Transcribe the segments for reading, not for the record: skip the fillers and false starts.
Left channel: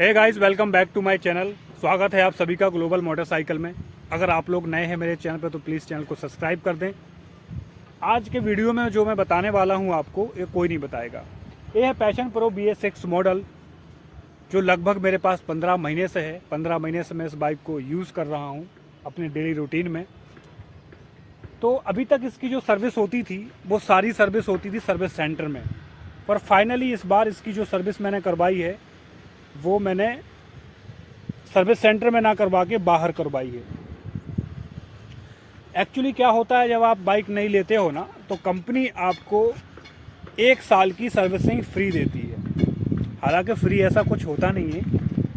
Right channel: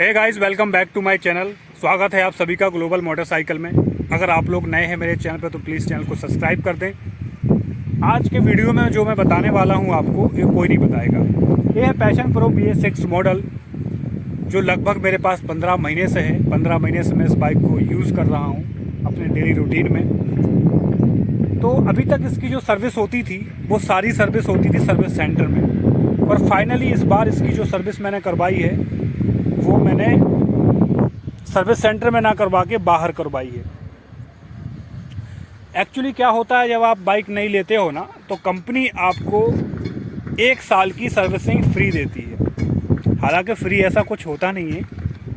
Hey guys, welcome back to my channel. स्वागत है आप सभी का ग्लोबल मोटरसाइकिल में। अगर आप लोग नए हैं मेरे चैनल पर तो प्लीज़ चैनल को सब्सक्राइब कर दें। आज के वीडियो में जो मैं बताने वाला हूं आपको, ये कोई नहीं बताएगा। ये है पैशन प्रो BS6 मॉडल, जो लगभग मेरे पास 15 महीने से है। 15 महीने से मैं इस बाइक को यूज़ कर रहा हूँ अपने डेली रूटीन में। तो अभी तक इसकी जो सर्विस होती थी वो सारी सर्विस होती थी सर्विस सेंटर में, और फाइनली इस बार इसकी जो सर्विस मैंने करवाई है वो मैंने सर्विस सेंटर में ना करवा के बाहर करवाई है। एक्चुअली क्या होता है, जब आप बाइक नहीं लेते हो ना तो कंपनी आपको 1 साल की सर्विसिंग फ्री देती है। हालांकि फ्री ऐसा कुछ होता नहीं है,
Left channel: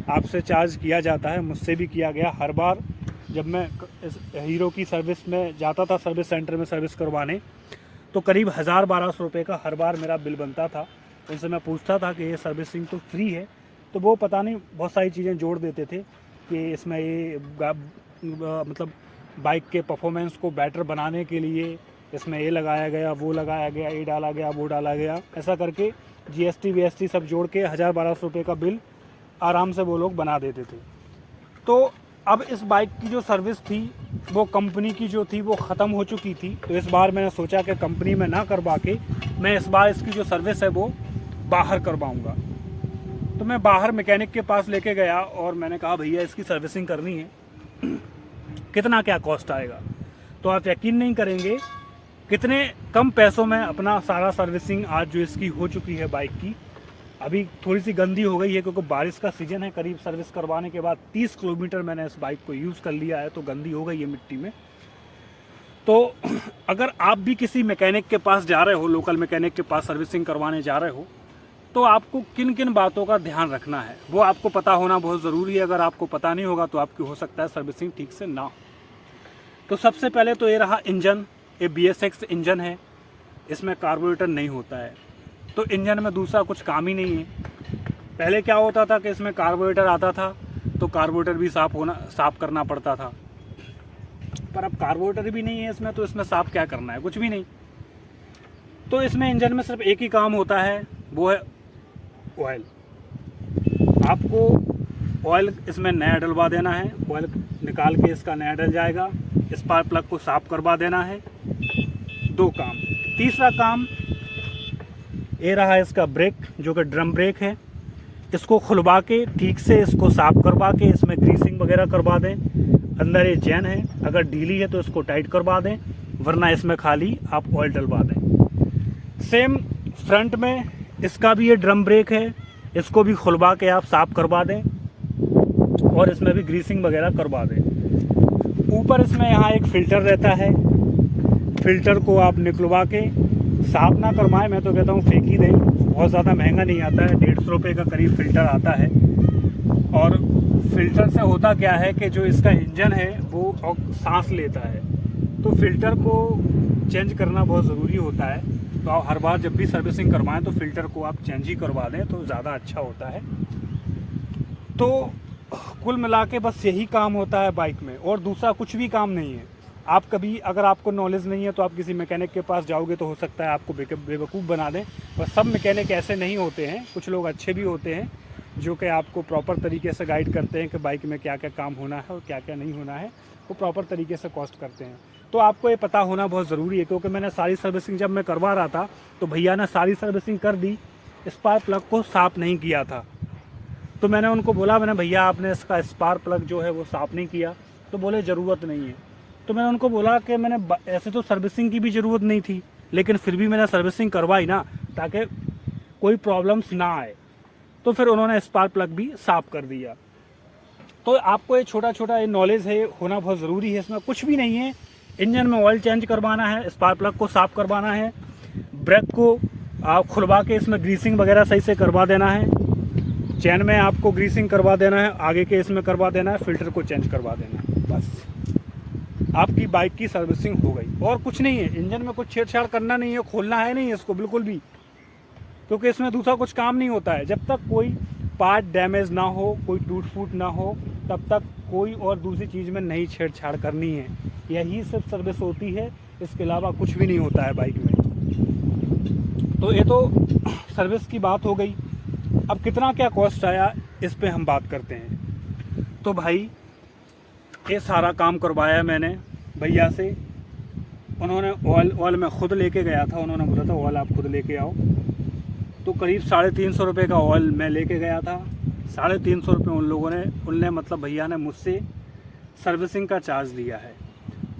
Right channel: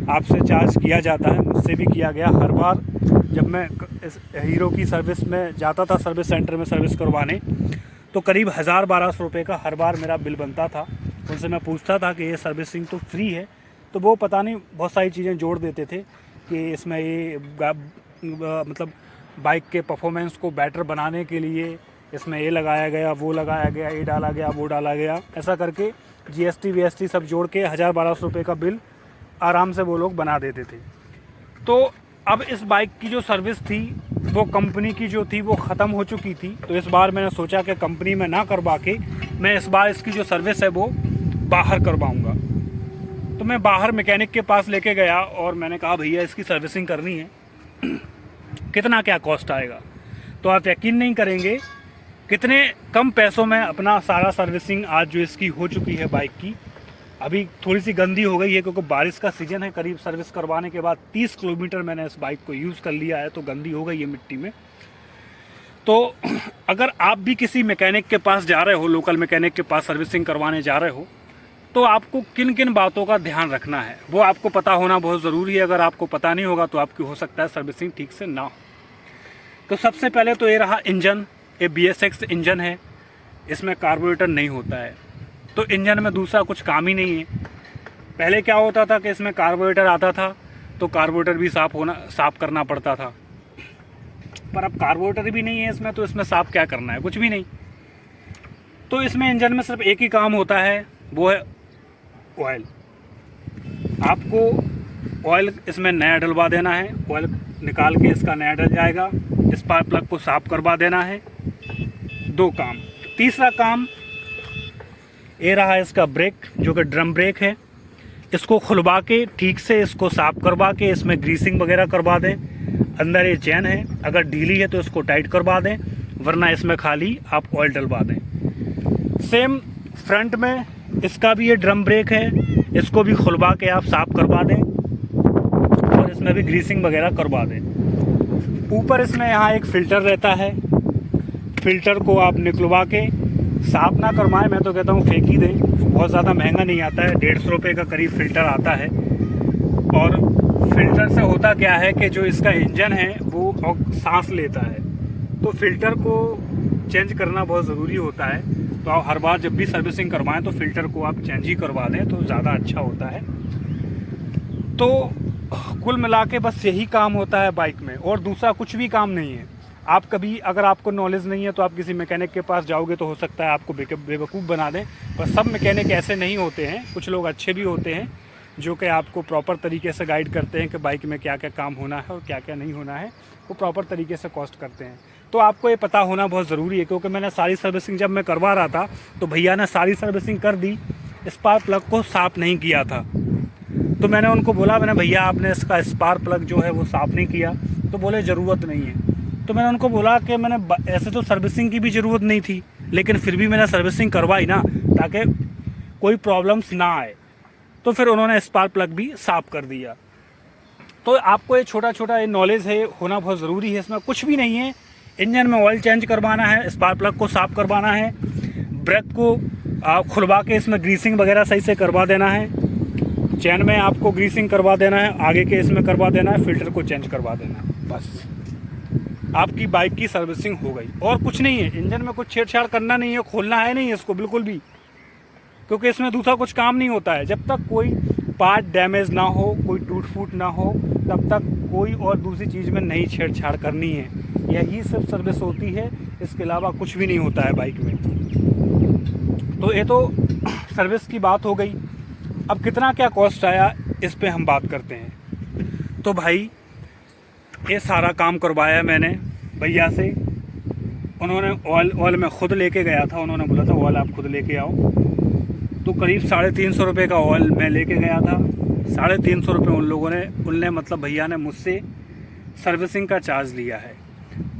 आपसे चार्ज किया जाता है। मुझसे भी किया गया हर बार जब मैं इस हीरो की सर्विस में जाता था, सर्विस सेंटर में सर्विस करवाने, तो करीब 1000-1200 रुपये का हर बार मेरा बिल बनता था। उनसे मैं पूछता था कि ये सर्विसिंग तो फ्री है, तो वो पता नहीं बहुत सारी चीज़ें जोड़ देते थे कि इसमें ये मतलब बाइक के परफॉर्मेंस को बेटर बनाने के लिए इसमें ये लगाया गया, वो लगाया गया, ये डाला गया, वो डाला गया, ऐसा करके GST VST सब जोड़ के 1000-1200 रुपये का बिल आराम से वो लोग बना देते थे। तो अब इस बाइक की जो सर्विस थी वो कंपनी की जो थी वो ख़त्म हो चुकी थी। तो इस बार मैंने सोचा कि कंपनी में ना करवा के मैं इस बार इसकी जो सर्विस है वो बाहर करवाऊँगा। तो मैं बाहर मैकेनिक के पास लेके गया और मैंने कहा भैया इसकी सर्विसिंग करनी है, कितना क्या कॉस्ट आएगा। तो आप यकीन नहीं करेंगे कितने कम पैसों में अपना सारा सर्विसिंग आज जो इसकी हो चुकी है बाइक की। अभी थोड़ी सी गंदी हो गई है क्योंकि बारिश का सीज़न है। करीब सर्विस करवाने के बाद 30 किलोमीटर मैंने इस बाइक को यूज़ कर लिया है, तो गंदी हो गई है मिट्टी में। तो अगर आप भी किसी मैकेनिक के पास जा रहे हो, लोकल मैकेनिक के पास सर्विसिंग करवाने जा रहे हो, तो आपको किन किन बातों का ध्यान रखना है वो आपको पता होना बहुत ज़रूरी है। अगर आपको पता नहीं होगा तो आपकी हो सकता है सर्विसिंग ठीक से ना हो। तो सबसे पहले तो ये रहा इंजन। ये BS6 इंजन है, इसमें कार्बोरेटर नहीं होता है, तो इंजन में दूसरा कुछ काम ही नहीं है। पहले क्या होता था कि इसमें कार्बोरेटर आता था तो कार्बोरेटर भी साफ़ करना पड़ता था, पर अब कार्बोरेटर भी नहीं है इसमें, तो इसमें साफ़ क्या करना है, कुछ भी नहीं। तो इसमें इंजन में सिर्फ एक ही काम होता है, वो है ऑयल। आपको ऑयल इसमें नया डलवा देना है, ऑयल निकाल के इसका नया डल जाएगा। स्पार्क प्लग को साफ करवा देना है। 2 काम। तीसरा काम ये रहा इसका ब्रेक, जो कि ड्रम ब्रेक है। इसको खुलवा के ठीक से इसको साफ करवा के इसमें ग्रीसिंग वगैरह करवा दें। अंदर ये चैन है, अगर ढीली है तो इसको टाइट करवा दें, वरना इसमें खाली आप ऑयल डलवा दें। सेम फ्रंट में इसका भी ये ड्रम ब्रेक है, इसको भी खुलवा के आप साफ करवा दें और इसमें भी ग्रीसिंग वगैरह करवा दें। ऊपर इसमें यहाँ एक फ़िल्टर रहता है, फ़िल्टर को आप निकलवा के साफ ना करवाएं, मैं तो कहता हूँ फेंक ही दें। बहुत ज़्यादा महंगा नहीं आता है, 150 रुपये का करीब फ़िल्टर आता है। और फ़िल्टर से होता क्या है कि जो इसका इंजन है वो सांस लेता है, तो फ़िल्टर को चेंज करना बहुत ज़रूरी होता है। तो आप हर बार जब भी सर्विसिंग करवाएं तो फ़िल्टर को आप चेंज ही करवा दें तो ज़्यादा अच्छा होता है। तो कुल मिला के बस यही काम होता है बाइक में, और दूसरा कुछ भी काम नहीं है। आप कभी, अगर आपको नॉलेज नहीं है तो आप किसी मैकेनिक के पास जाओगे तो हो सकता है आपको बेवकूफ़ बना दें, पर सब मैकेनिक ऐसे नहीं होते हैं। कुछ लोग अच्छे भी होते हैं जो कि आपको प्रॉपर तरीके से गाइड करते हैं कि बाइक में क्या क्या काम होना है और क्या क्या नहीं होना है, वो प्रॉपर तरीके से कॉस्ट करते हैं। तो आपको ये पता होना बहुत ज़रूरी है, क्योंकि मैंने सारी सर्विसिंग जब मैं करवा रहा था तो भैया ने सारी सर्विसिंग कर दी, स्पार्क प्लग को साफ़ नहीं किया था। तो मैंने उनको बोला, मैंने भैया आपने इसका स्पार्क प्लग जो है वो साफ़ नहीं किया, तो बोले ज़रूरत नहीं है। तो मैंने उनको बोला कि मैंने ऐसे तो सर्विसिंग की भी ज़रूरत नहीं थी, लेकिन फिर भी मैंने सर्विसिंग करवाई ना, ताकि कोई प्रॉब्लम्स ना आए। तो फिर उन्होंने स्पार्क प्लग भी साफ़ कर दिया। तो आपको ये छोटा छोटा ये नॉलेज है, होना बहुत ज़रूरी है। इसमें कुछ भी नहीं है। इंजन में ऑयल चेंज करवाना है, स्पार्क प्लग को साफ़ करवाना है, ब्रेक को खुलवा के इसमें ग्रीसिंग वगैरह सही से करवा देना है, चैन में आपको ग्रीसिंग करवा देना है, आगे के इसमें करवा देना है, फ़िल्टर को चेंज करवा देना है, बस आपकी बाइक की सर्विसिंग हो गई। और कुछ नहीं है, इंजन में कुछ छेड़छाड़ करना नहीं है, खोलना है नहीं इसको बिल्कुल भी, क्योंकि इसमें दूसरा कुछ काम नहीं होता है। जब तक कोई पार्ट डैमेज ना हो, कोई टूट फूट ना हो, तब तक कोई और दूसरी चीज़ में नहीं छेड़छाड़ करनी है। यही सब सर्विस होती है, इसके अलावा कुछ भी नहीं होता है बाइक में। तो ये तो सर्विस की बात हो गई। अब कितना क्या कॉस्ट आया इस पे हम बात करते हैं। तो भाई ये सारा काम करवाया मैंने भैया से। उन्होंने ऑयल मैं ख़ुद लेके गया था, उन्होंने बोला था ऑयल आप खुद लेके आओ। तो करीब 350 रुपये का ऑयल मैं लेके गया था। 350 रुपये उनने मतलब भैया ने मुझसे सर्विसिंग का चार्ज लिया है।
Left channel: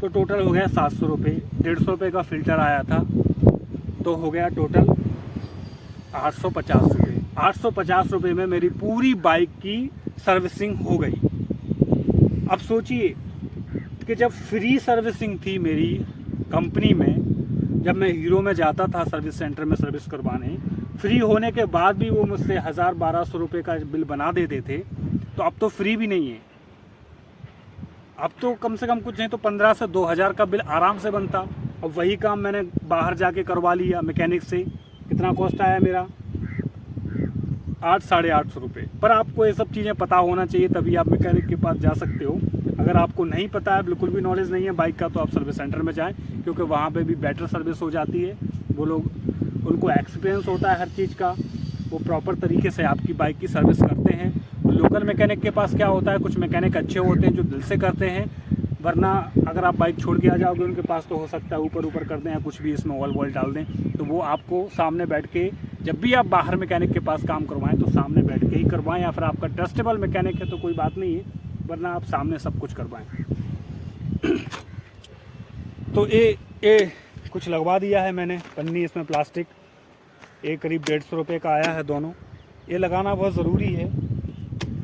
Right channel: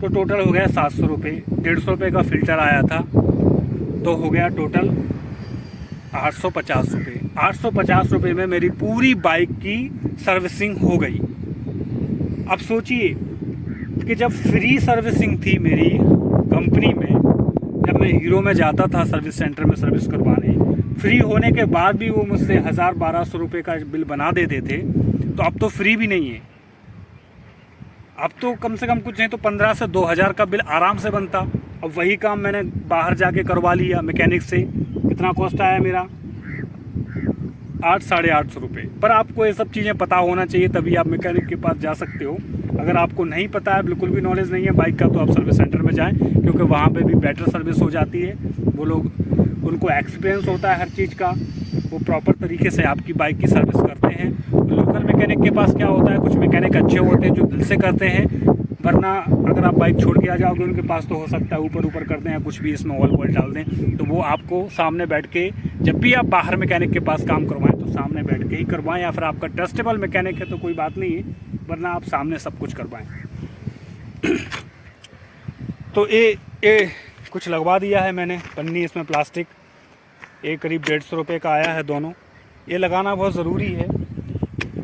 तो टोटल हो गया 700 रुपये। 150 रुपये का फ़िल्टर आया था, तो हो गया टोटल 850 रुपये। 850 रुपये में मेरी पूरी बाइक की सर्विसिंग हो गई। अब सोचिए कि जब फ्री सर्विसिंग थी मेरी कंपनी में, जब मैं हीरो में जाता था सर्विस सेंटर में सर्विस करवाने, फ्री होने के बाद भी वो मुझसे 1000-1200 रुपये का बिल बना देते थे। तो अब तो फ्री भी नहीं है, अब तो कम से कम कुछ नहीं तो 15 से 2000 का बिल आराम से बनता। अब वही काम मैंने बाहर जाके करवा लिया मैकेनिक से। कितना कॉस्ट आया मेरा? 800-850 रुपये। पर आपको ये सब चीज़ें पता होना चाहिए, तभी आप मैकेनिक के पास जा सकते हो। अगर आपको नहीं पता है, बिल्कुल भी नॉलेज नहीं है बाइक का, तो आप सर्विस सेंटर में जाएं, क्योंकि वहाँ पे भी बेटर सर्विस हो जाती है। वो लोग, उनको एक्सपीरियंस होता है हर चीज़ का, वो प्रॉपर तरीके से आपकी बाइक की सर्विस करते हैं। लोकल मैकेनिक के पास क्या होता है, कुछ मैकेनिक अच्छे होते हैं जो दिल से करते हैं, वरना अगर आप बाइक छोड़ के आ जाओगे उनके पास तो हो सकता है ऊपर कर दें या कुछ भी इसमें ऑयल वॉयल डाल दें। तो वो आपको सामने बैठ के, जब भी आप बाहर मैकेनिक के पास काम करवाएं तो सामने बैठ के ही करवाएं, या फिर आपका ट्रस्टेबल मैकेनिक है तो कोई बात नहीं है, वरना आप सामने सब कुछ करवाएं। तो ये कुछ लगवा दिया है मैंने पन्नी इसमें प्लास्टिक, ये करीब 150 रुपये का आया है दोनों। ये लगाना बहुत ज़रूरी है,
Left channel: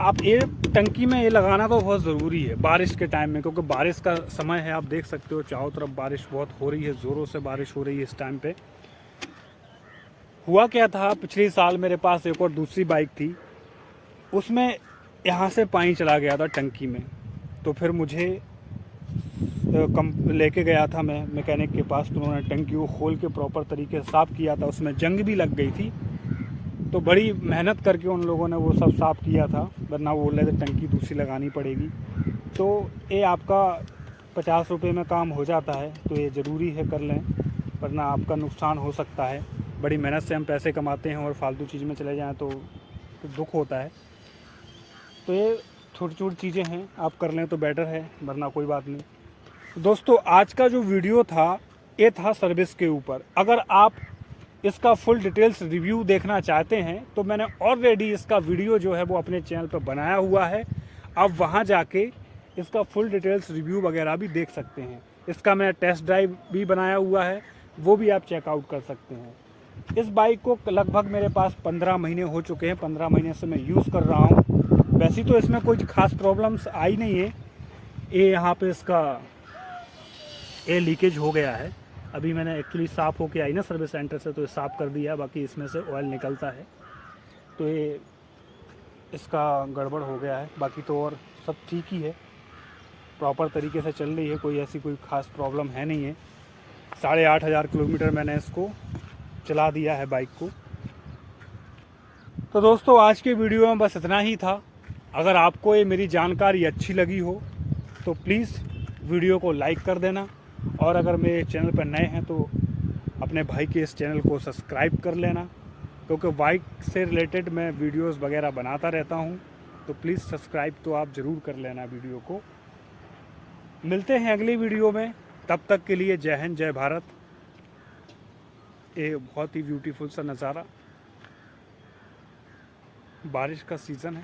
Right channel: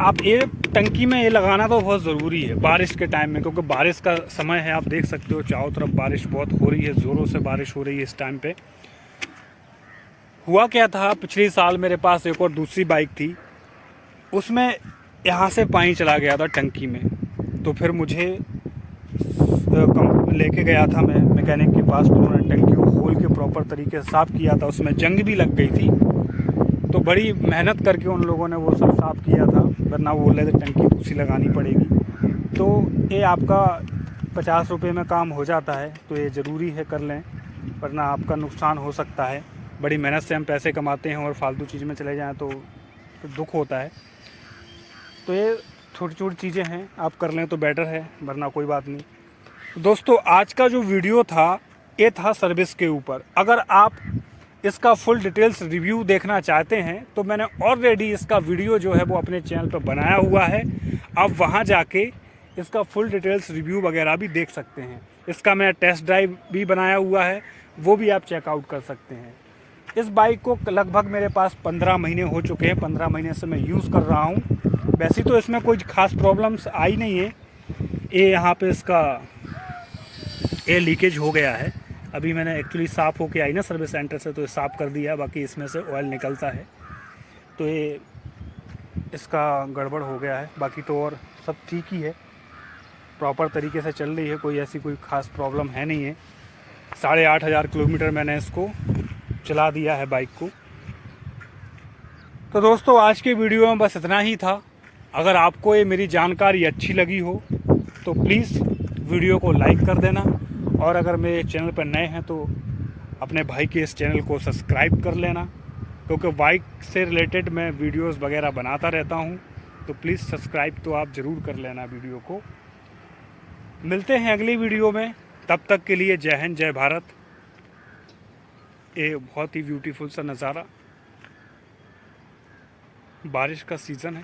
आप ये टंकी में ये लगाना तो बहुत ज़रूरी है बारिश के टाइम में, क्योंकि बारिश का समय है। आप देख सकते हो चारों तरफ बारिश बहुत हो रही है, ज़ोरों से बारिश हो रही है इस टाइम पे। हुआ क्या था, पिछले साल मेरे पास एक और दूसरी बाइक थी, उसमें यहाँ से पानी चला गया था टंकी में। तो फिर मुझे लेके गया था मैं मैकेनिक के पास, तो उन्होंने टंकी को खोल के प्रॉपर तरीके से साफ़ किया था। उसमें जंग भी लग गई थी, तो बड़ी मेहनत करके उन लोगों ने वो सब साफ़ किया था, वरना वो बोले थे टंकी दूसरी लगानी पड़ेगी। तो ये आपका 50 रुपये में काम हो जाता है, तो ये ज़रूरी है कर लें, वरना आपका नुकसान हो सकता है। बड़ी मेहनत से हम पैसे कमाते हैं और फालतू चीज़ में चले जाएं तो दुख होता है। तो ये छोटी छोटी चीज़ें हैं, आप कर लें तो बेटर है, वरना कोई बात नहीं। तो दोस्तों आज का जो वीडियो था ये था सर्विस के ऊपर। अगर आप इसका फुल डिटेल्स रिव्यू देखना चाहते हैं तो मैंने ऑलरेडी इसका वीडियो जो है वो अपने चैनल पर बनाया हुआ है, आप वहां जाके इसका फुल डिटेल्स रिव्यू वगैरह भी देख सकते हैं। इसका मैंने टेस्ट ड्राइव भी बनाया हुआ है, वो भी आप चेकआउट कर सकते हैं। इस बाइक को लगभग मेरे पास 15 महीने हो चुके हैं, 15 महीने से मैं यूज़ कर रहा हूँ। वैसे तो इसमें कोई ख़ास प्रॉब्लम्स आई नहीं है। ये यहाँ पे इसका एयर लीकेज हो गया है, अभी मैंने एक्चुअली साफ़ होके आई ना सर्विस सेंटर से, तो साफ़ कर दिया, बाकी इसमें से ऑयल निकलता है, तो ये इसका गड़बड़ हो गया है। बाकी तो और सब ठीक ही है, प्रॉपर तरीके से चल रही है, कोई ऐसी कोई ख़ास प्रॉब्लम है नहीं है। 8500 किलोमीटर मैंने इसको चला दिया है बाइक को। तो दोस्तों आज के वीडियो में बस इतना ही था। अगर आपको ये मेरी जानकारी अच्छी लगी हो तो प्लीज़ वीडियो को लाइक कर देना, और अगर मेरे चैनल पर नए हैं तो अपने भाई के इस चैनल को सब्सक्राइब कर लेना, क्योंकि बाइक से रिलेटेड मैं वीडियोस वगैरह बनाता रहता हूं। तो प्लीज़ सब्सक्राइब तो आप ज़रूर कर लेना वीडियो को। मिलते हैं अगली वीडियो में, तब तक के लिए जय हिंद जय भारत। ये बहुत ही ब्यूटीफुल सा नज़ारा, बारिश का सीज़न है।